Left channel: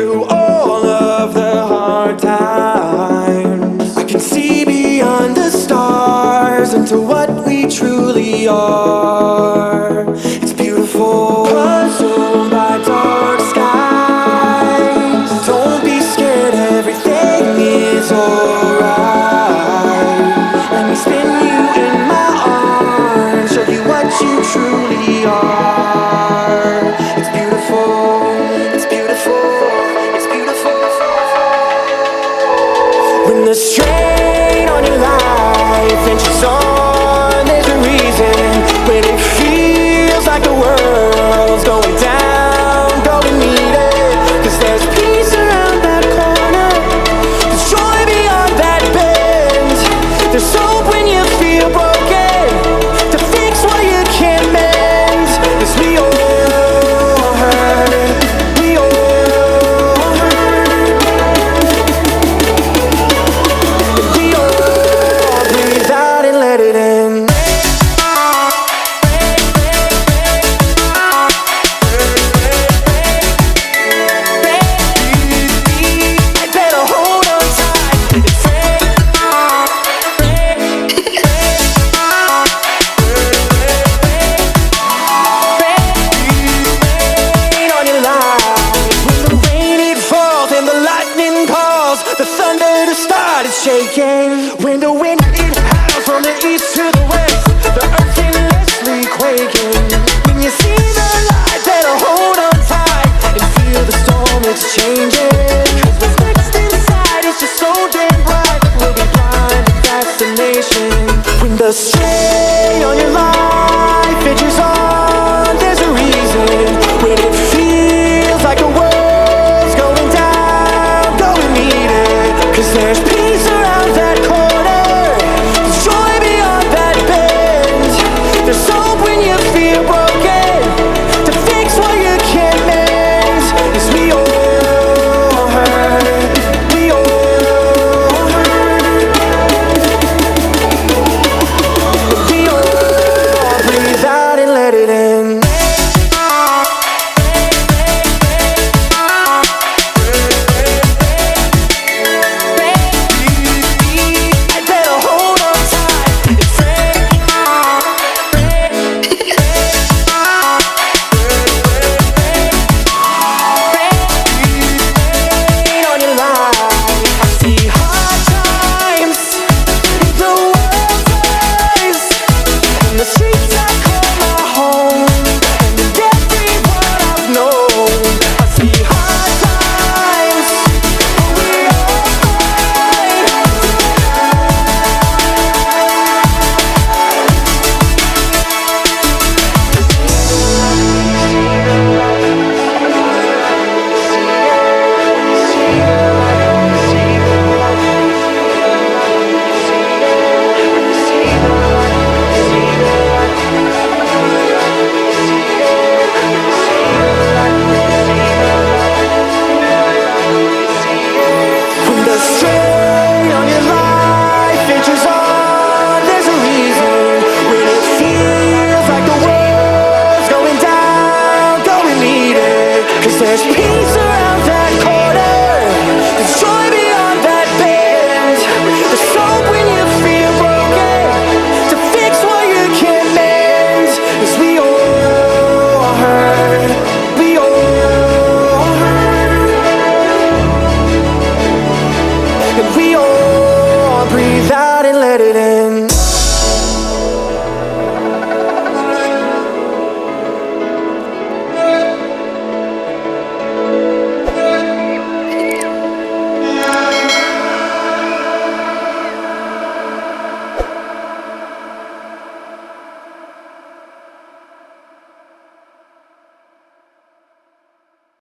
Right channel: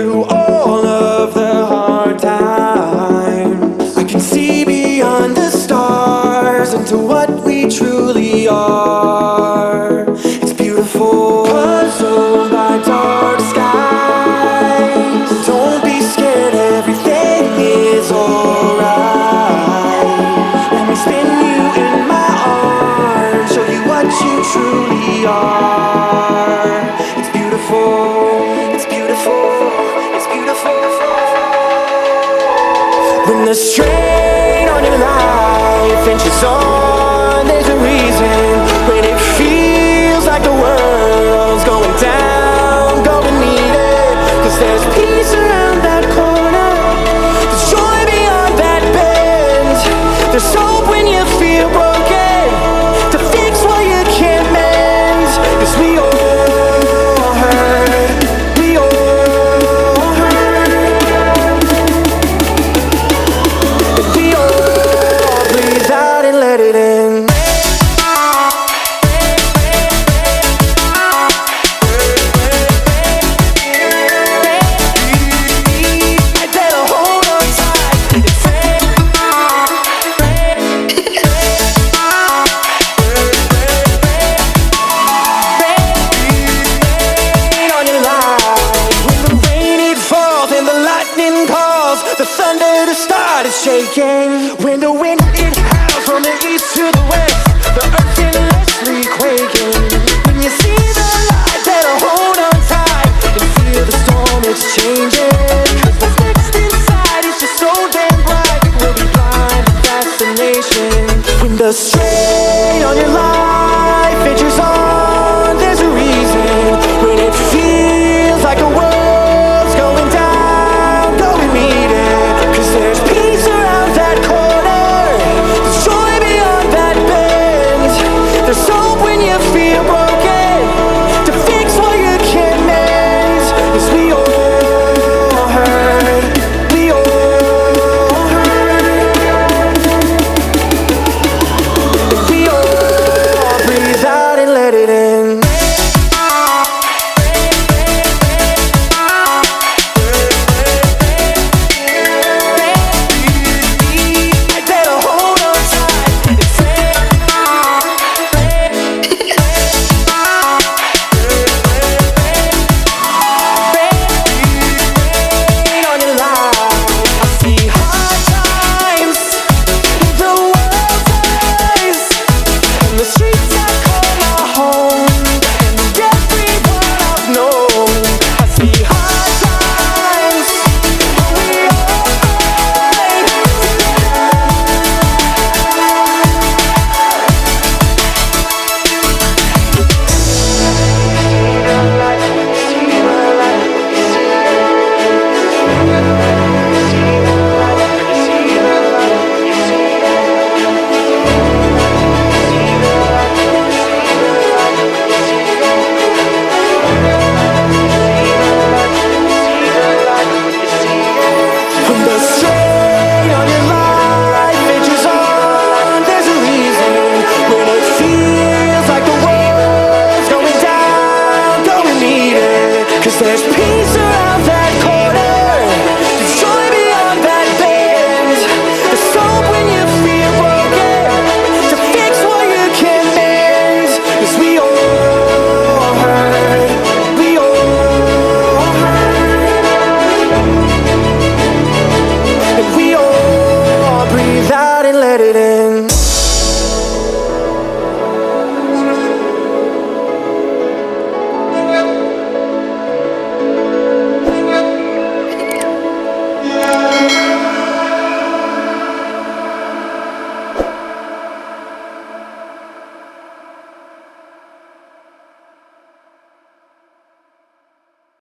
through all of the hard times. I can see beyond the stars into what we truly are. It's beautiful, puzzled by dark skies. Don't be scared, everything is alright. Let me spin you in my arms, show you what you truly are. It's beautiful, it's beautiful, it's beautiful. When the strain on your life inches on, there's a reason. When it feels like the world's going down, go and meet it. Cause there's peace around that corner, there's joy beyond that bend. There's hope when you feel broken, to fix what you can't mend. Cause we all hurt, we all hurt, and we all breathe out and let it in. The thunder to start is shaking. When the wind it howls from the east to the west, the earth endlessly quaking. When you see the light, better hold on tight and feel the storm, it's changing. Cause what's next inside is just so damn bright, we'll be blind to fascination. When the strain on your life edges on, there's a reason. When it feels like the world's going down, go and meet it. Cause there's peace around that corner, there's joy beyond that bend. There's hope when you feel broken, to fix what you can't mend. Cause we all hurt, we all hurt, and we all breathe out and let it in. The streets I call my home, and in everyone I've known, I see hard times, but we all fight together. When you see the light, when you see the light, when you see it, when you see the light, when you see the light, when you see the light, when you see it, when you see the light, when you see the light, when you see the light, when you see it, when you see the light, when you see the light, when you see the light, when you see it. When the strain on your life edges on, there's a reason. When it feels like the world's going down, go and meet it. Cause there's peace around that corner, there's joy beyond that bend. There's hope when you feel broken, to fix what you can't mend. Cause we all hurt, we all hurt, and we all breathe out and let it in.